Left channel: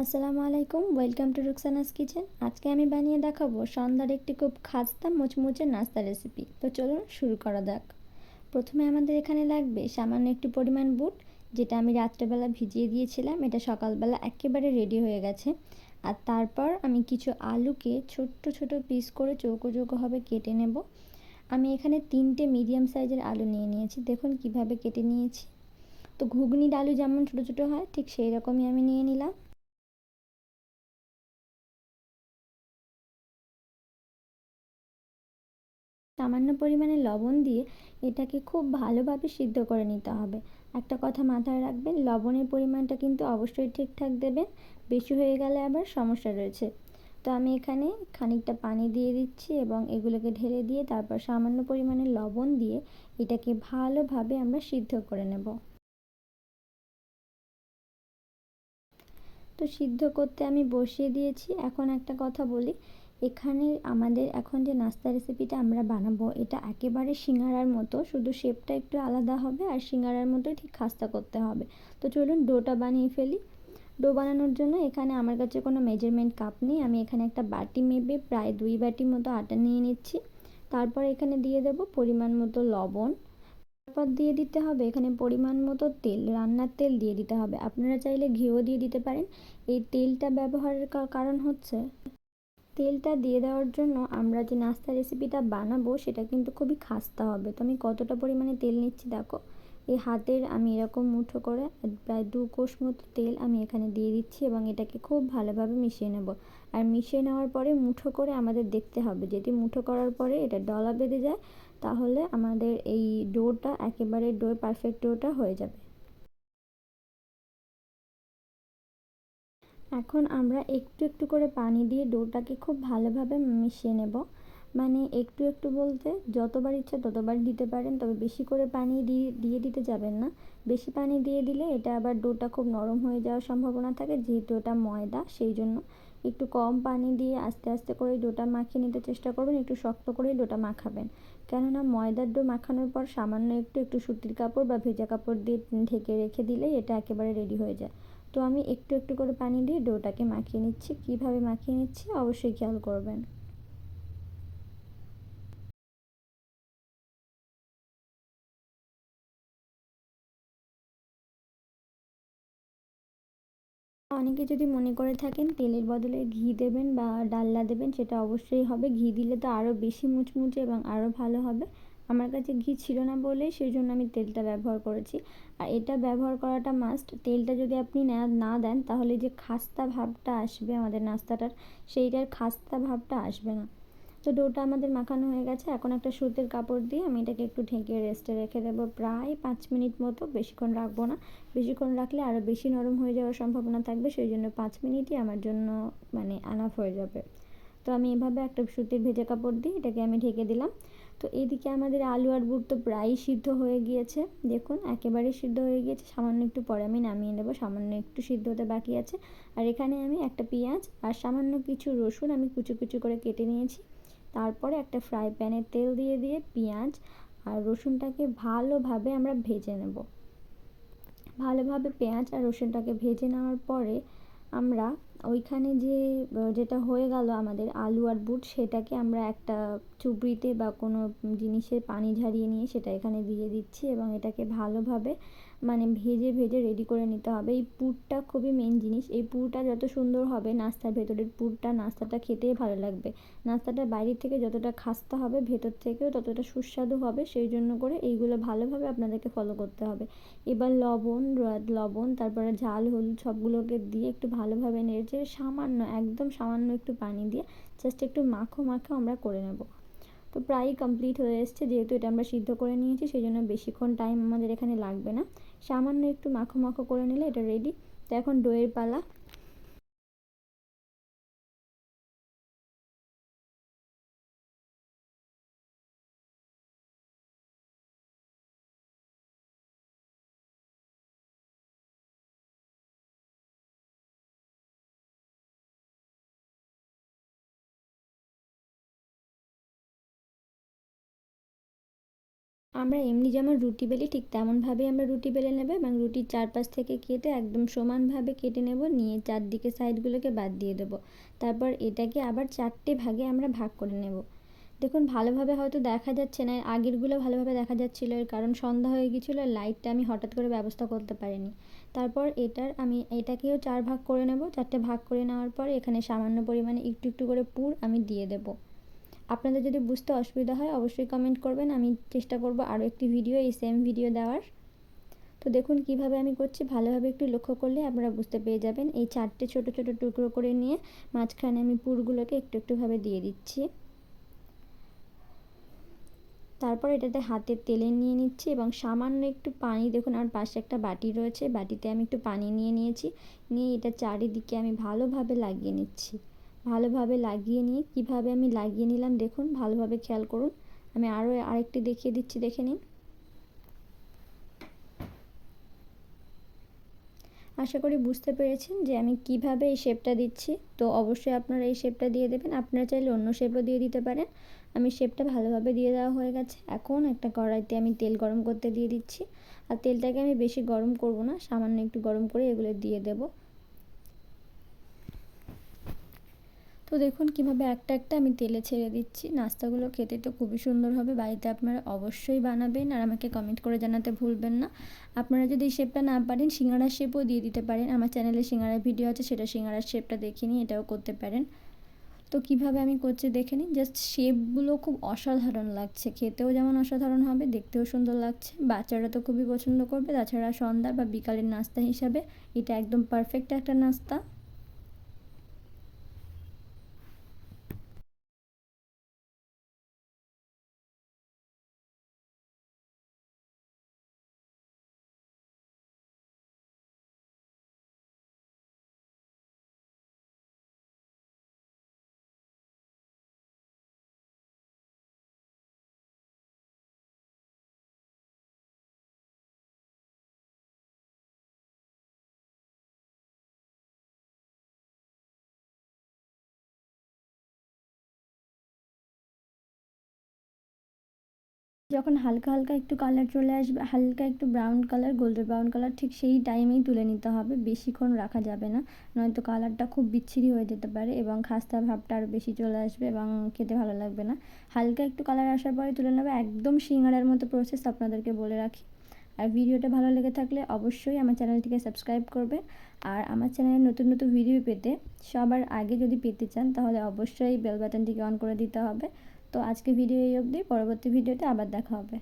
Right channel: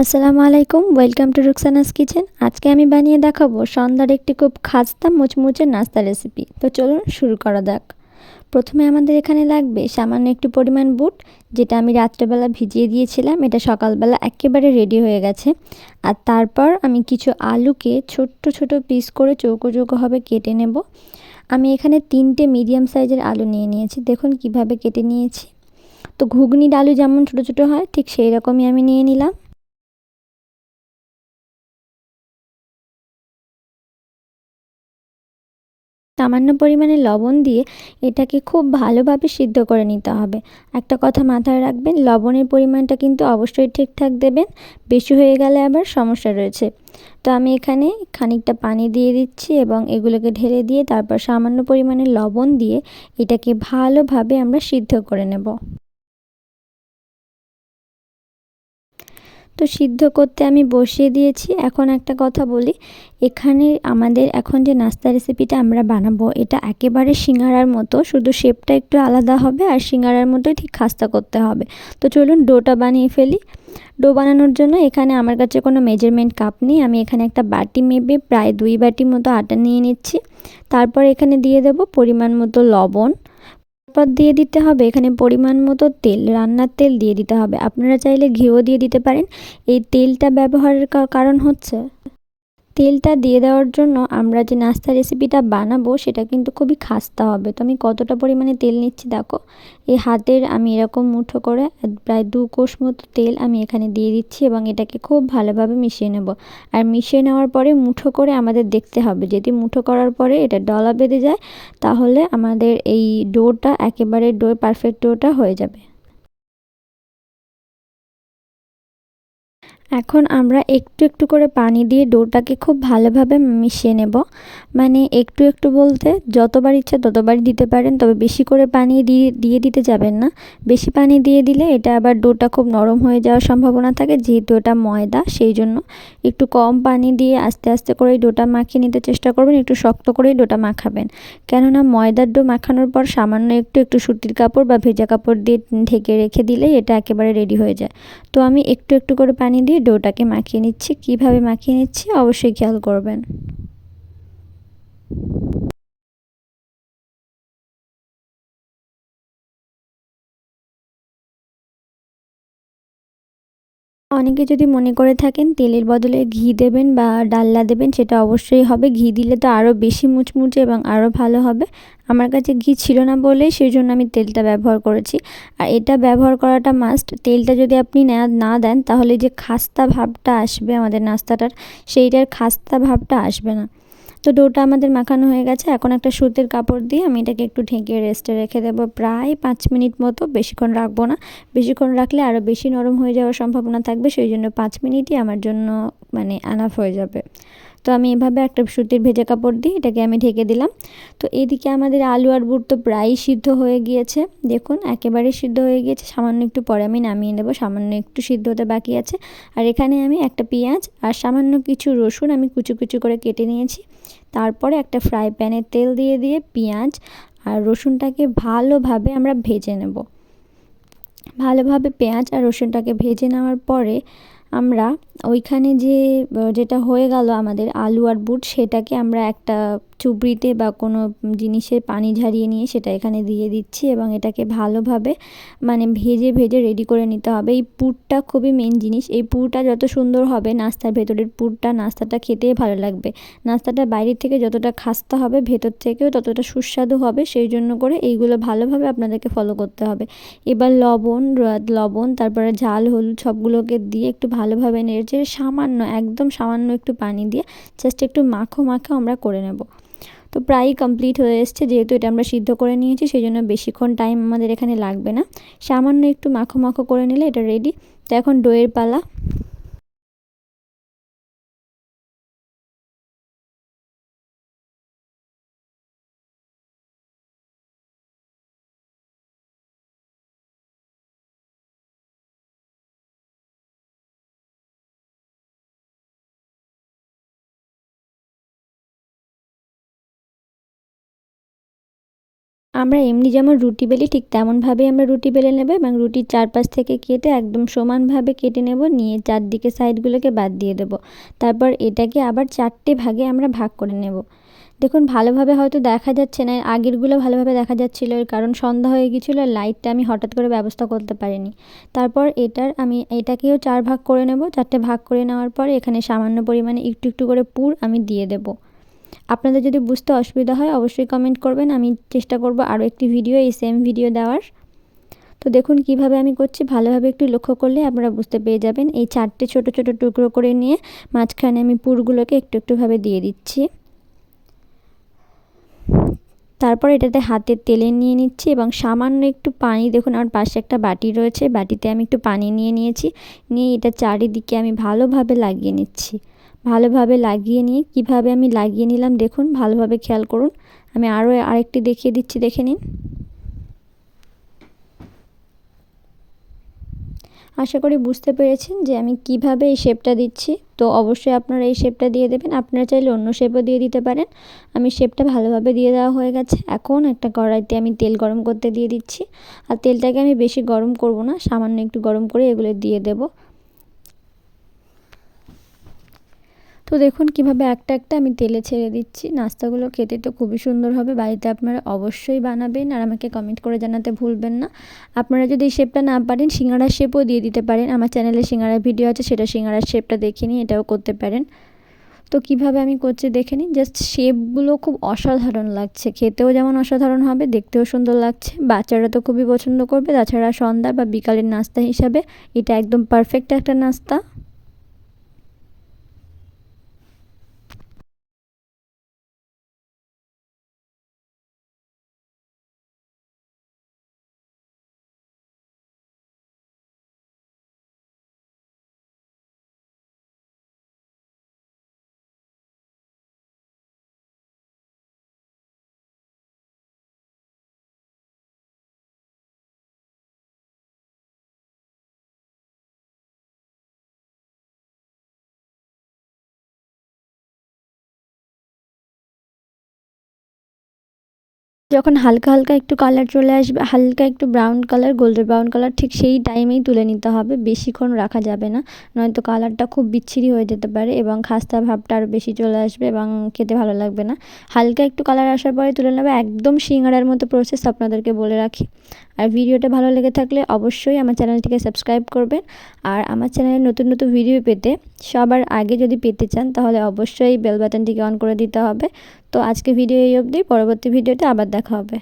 আসসালামু আলাইকুম, welcome to রুকসানাস kitchen. আজকে আমি বানিয়ে দেখাবো সন্ধ্যার একটি খুব খাস্তা মুচমুচে নাস্তা রেসিপি। তো চলুন শুরু করা যাক। প্রথমে আমাদের এখানে লাগবে সামান্য একটু পরিমাণ বুট, যেটা আমি রাত্রেবেলা ভিজিয়ে দিয়েছিলাম। এটা সকালবেলা একেবারে রেডি হয়ে গেছে। আর তারপর আমি কিছু আলুকে ছোট্ট ছোট পিস করে চৌকো চৌকোভাবে কেটে নেব। আমি এখানে 3টে মিডিয়াম সাইজের আলু নিয়ে নিয়েছি, দেখুন কিভাবে কেটে নিয়েছি। তো ঘুগনির আলু যেমন ছোটো ছোটো হয়, ঠিক সেই রকমই আমি নিয়ে নিলাম। সামান্য পরিমাণে লবণ দিয়ে এটাকে খুব ভালোভাবে সিদ্ধ করে নিতে হবে। একটা কথা মাথায় রাখবেন, লবণের পরিমাণটা কিন্তু অবশ্যই ঠিকঠাক দেবেন, বেশি হয়ে গেলে আবার সমস্যা রয়েছে। তো আমি এখানে খানিকটা পানি দিয়ে দিচ্ছি এবং এগুলোকে ঢেলে দিয়ে তারপর সামান্য পরিমাণে লবণ দিয়ে এটাকে ভালোভাবে আমরা সিদ্ধ করে নেব। তো সিদ্ধ করতে আমি বসিয়ে দিয়েছি। এখন একটা কথা বলি, এখানে আমাদের এখন যে নাস্তা রেসিপিটা আমরা বানাবো, এটা একেবারে সিঙ্গারার মতো, শুধু শেপটা একটু আলাদা হবে আর সিঙ্গারার মতোই ঠিক খাস্তা করতে হবে। তো চলুন ডোটা বানিয়ে ফেলি। ডো বানানোর জন্য এখানে আমার কাছে কোনো মেজারমেন্ট কাপ নেই। আমি এখানে একটা বাটি মেপে প্রায় 2 বাটি মতো আটা নিয়ে নিচ্ছি। তারপর এখানে দিয়ে দেব পরিমাণ মতো লবণ। তারপর দিয়ে দিতে হবে এখানে পরিমাণ মতো তেল, রান্নার তেল দিয়ে দিতে হবে। আপনারা চাইলে ঘিও দিয়ে দিতে পারেন। এই তেলটা ব্যবহারের কারণ হচ্ছে, তেলটা দিয়ে দেওয়ার জন্য আমরা যে নাস্তা রেসিপিটা বানাবো সেটা কিন্তু খুবই খাস্তা হবে। তো আমি কতটা পরিমাণে তেল নিচ্ছি দেখো, এই হাতের আমি এরকম মুঠো করে প্রায় 2 কোষ মতো তেল আমি এখানে দিয়ে দিচ্ছি এবং এটাকে খুব ভালোভাবে মিশিয়ে নেব। আর মিশিয়ে নেওয়ার পরে মুঠো করে আমাদের দেখতে হবে, যদি মুঠো করার পরে এটা ডলা বেঁধে যায় তাহলে আমাদের এই ডোটা একেবারে পারফেক্ট ডোটা হয়ে যাবে। এখন আমরা একটু একটু করে পানি দিয়ে ডোটাকে খুব ভালোভাবে মিশিয়ে নেব। মানে একটু একটু বলতে যতবার ইচ্ছা ততবারই দিতে পারেন, তবে বেশি করে পানি দিয়ে দিয়ে দিতে যাবেন না। বেশি পানি দিয়ে দিলে এটা আবার ডোটা খুব নরম হয়ে যাওয়ার সম্ভাবনা থাকে, যেহেতু এটা ময়দা। সেই জন্য একটু কম পানি দিয়ে আস্তে আস্তে করে ডোটা মাখিয়ে নিতে চেষ্টা করবেন। একটু শক্ত করেই ডোটা মাখাবেন, কেননা ময়দার ডো মাখানোর পর সামান্য একটু একটু সুতির কাপড় বা ভেজা কাপড় দিয়ে ঢেকে রেখে দিলেই এটা একেবারে রেডি হয়ে যায়। তো আমি একটু একটু করে পানি দিয়ে ডোটাকে মাখিয়ে নিচ্ছি। কিভাবে মাখিয়ে নিচ্ছি অবশ্যই খেয়াল করবেন। অনেকে যদি মনে করে থাকেন তেলের বদলে ঘি দেবেন বা ডালনা দেবেন, সেটা অবশ্যই হবে। ঘি দিলে তো আরও বেশি মুচমুচে এবং আরও ভালো হবে। আমার কাছে ঘি ছিল না বলেই সেই জন্য আমি তেলটা ব্যবহার করেছি। আর এটা ব্যবহার করাটা মাস্ট। তেলটা যদি আপনি না দেন তাহলে যে খাস্তা ভাবটা আসবে আমাদের নাস্তাটার, সেইটার খাস্তা ভাবটা আসবে না। তো ডোটা আমাদের মাখানো হয়ে গেছে। এখন একটা সুতির কাপড় দিয়ে আমি এটাকে একটু ঢেকে রেস্টে রেখে দেবো প্রায় 5 মিনিট মতো। বেশিক্ষণ রাখবো না, বেশিক্ষণ রাখলে আরও বেশি নরম হয়ে যাওয়ার সম্ভাবনা থাকবে। সেই জন্য 5 মিনিটই আমার জন্য মানে এনাফ হয়ে যাবে। তো আমি এভাবে একটা সুতির ভেজা কাপড় দিয়ে এটাকে আমি ঢেকে দিলাম। তো এদিকে আমাদের আলু আর বুট তো প্রায়ই সিদ্ধ হয়ে গিয়েছে, দেখুন একেবারে সিদ্ধ হয়ে গিয়েছে। সামান্য একটু পরে আমি নামিয়ে নেব, সামান্য একটু সিদ্ধ হতে বাকি আছে। আর এখানে আমি একটা পেঁয়াজ আর সামান্য কিছু রসুন আমি কুচি কুচি করে কেটে নিয়েছি। তারপরে একটা ফ্রাই প্যানে তেল দিয়ে দিয়ে পেঁয়াজ আর রসুনটাকে ভালোভাবে আমরা ভেজে নেব। ভালোভাবে পেঁয়াজ আর রসুনটাকে ভেজে নেওয়ার পরে আমরা ওইখানে যেটা হয়ে গেল আমাদের আলু আর বুট, সেটাকে আমরা একটা চুবড়িতে বা কোনো জিনিসে পানি ঝরিয়ে নিয়ে সেটা এখানে দিয়ে দিচ্ছি এবং এটাকে ভালোভাবে মানে ভেজে ভেজে রেডি করে নিতে হবে। এই পুরটা খুবই মেন জিনিস। এই পুরটা যত সুন্দর হবে, নাস্তার ভেতরের পুরটা, নাস্তাটা খেতেই ভালো লাগবে। নাস্তাটা বাইরের থেকে যতটা খাস্তা হবে, ভেতর থেকেও ততটা সুস্বাদু হবে। সেই জন্য করে এইগুলো ভালোভাবে আপনাদেরকে ফলো করতে হবে। এবার লবণ তারপরে ঝাল হলুদ সবগুলোকে দিয়ে একটু ভালোভাবে নেড়েচেড়ে সামান্য, একদম সামান্য একটু পানি দিয়ে জাস্ট একটু মাখো মাখো আমরা করে নেব। তো প্রায়ই কমপ্লিট হয়ে এসছে, যেহেতু এটা আমরা সিদ্ধ করে নিয়েছি সেই জন্য বেশিক্ষণ টাইম আমাদের এখানে লাগবে না। সামান্য একটু মাখো মাখো করে নিলে এটা রেডি। তো এখন দইয়ের পালা। আমরা এমনি যেমন রুটি বেলি ঠিক তেমনভাবেই আমরা রুটি বেলে নেব এবং রুটির চারপাশ থেকে কেটে একদম সমানভাবে কেটে নেব, নিয়ে চারদিকে সাইডগুলোকে বাদ দিয়ে দেব। তারপর এটাকে আবার 4টে ভাগে আমরা ভাগ করে নেব। দেখুন ভালোভাবে হয়তো দেখা যাচ্ছে না, আগেরগুলো ভালোভাবে দেখা যাচ্ছিল, এর কারণ সন্ধ্যা হয়ে গিয়েছিলো, লাইটটা আমি হঠাৎ করে ব্যবস্থা করতে পারিনি। তারপর আমি এটাকেও 4 ভাগ করে নেব। 4টে ভাগ করে নেওয়ার পর এখানে সামান্য পরিমাণে একটু একটু করে পুর আমি দিয়ে দেব। আপনাদের যদি বুঝতে অসুবিধা হয় অবশ্যই কমেন্ট করবেন, আমি চেষ্টা করব আরও একটি ভিডিও এই সেম ভিডিও দেওয়ার। তো দেখুন কিভাবে আমি করছি, ভালোভাবে একটু লক্ষ্য করলে আপনারা বুঝতে পেরে যাবেন। এই 4টে ছোট ছোট টুকরো করে নিয়ে মাঝখানে আমি পুরগুলোকে একটু একটুভাবে দিয়ে দিচ্ছি। তারপর এটাতে হাতে তেলে নিয়ে নিচ্ছি এবং সামান্য একটু পানি, দেখুন আমার পাশে একটা বাটি রয়েছে, বাটিতে আমি একটু পানি নিয়ে নিয়েছি, নিয়ে এটা চারিদিকে আমি ভালোভাবে লাগিয়ে নিচ্ছি। ভালোভাবে লাগিয়ে নিয়ে কিভাবে আমি লাগিয়ে নিলাম দেখুন, ভালোভাবে খেয়াল করুন। আমি আরেকটি দেখিয়ে দিচ্ছি, দেখে নিন। আশা করি বুঝতে পেরেছেন যে আমি কিভাবে এই শেপটা দিচ্ছি। তো অবশ্যই আপনারা এই শেপটা দিয়ে দেবেন, আপনারা চাইলে অন্য শেপও দিয়ে দিতে পারেন। আমি শেপটা ভালোভাবে দিয়ে দেওয়া হয়ে গেছে। এখন একটা কড়াইতে আমি তেল গরম করতে দিয়ে দিচ্ছি, আর তেলটাকে আমি বেশি গরম করব না, সামান্য একটু গরম করে এগুলো দিয়ে দেব। তো দেখুন কিভাবে একটা একটা আমি তেলে ছেড়ে দিচ্ছি। নাস্তাগুলো খেতে তো খুবই সুন্দর হবে, বাড়িতে আপনারা অবশ্যই বানাবেন আর আমাকে কমেন্ট করে জানাতে ভুলবেন না। আপনারা যদি এই শেপটা না পারেন সিঙ্গাড়ার শেপও দিয়ে দিতে পারেন, আমার চ্যানেলে সিঙ্গাড়ার ভিডিও আছে, সেটা সিঙ্গাড়ার শেপটা দেখে নিয়ে এটাও করতে পারেন। তো কিভাবে আমি করছি দেখে নিন, জাস্ট শেপগুলো খুব অসাধারণ লাগছে, খেতেও যেমন অসাধারণ হবে, দেখতেও সুন্দর লাগছে, বাচ্চারা তো খুবই পছন্দ করবে। তাছাড়া সন্ধ্যা বা বিকালের নাস্তা হিসাবে এটা একদম পারফেক্ট একটা নাস্তা। যখন হালকা হালকা একটু কালার চলে আসবে, হালকা একটু brown colour, golden brown colour, ঠিক সেই টাইমেই তুলে নিতে হবে, বেশিক্ষণ রাখা যাবে না, নয়তো কালারটা খুব বিচ্ছিরি হয়ে যেতে পারে এবং খাস্তা ভাবটা আরও বেশি চলে আসবে এবং খেতে ভালো লাগবে না। হালকা একটু কালার আসার পরে তুলে নেবে, একদম সিঙ্গাড়ার মতো প্রসেস আপনাদেরকে বলে রাখি। আর ভিডিওটা ভালো লেগে থাকলে অবশ্যই আমার চ্যানেলটিকে সাবস্ক্রাইব করবেন, আর আমার চ্যানেলে নতুন নতুন ভিডিও পেতে সবার আগে যদি পেতে চান তাহলে অবশ্যই বেল বাটনটিকে অন করে দিতে হবে। তো আজকে ভিডিও এই অবধি, পরবর্তী ভিডিওতে আবার দেখা হবে।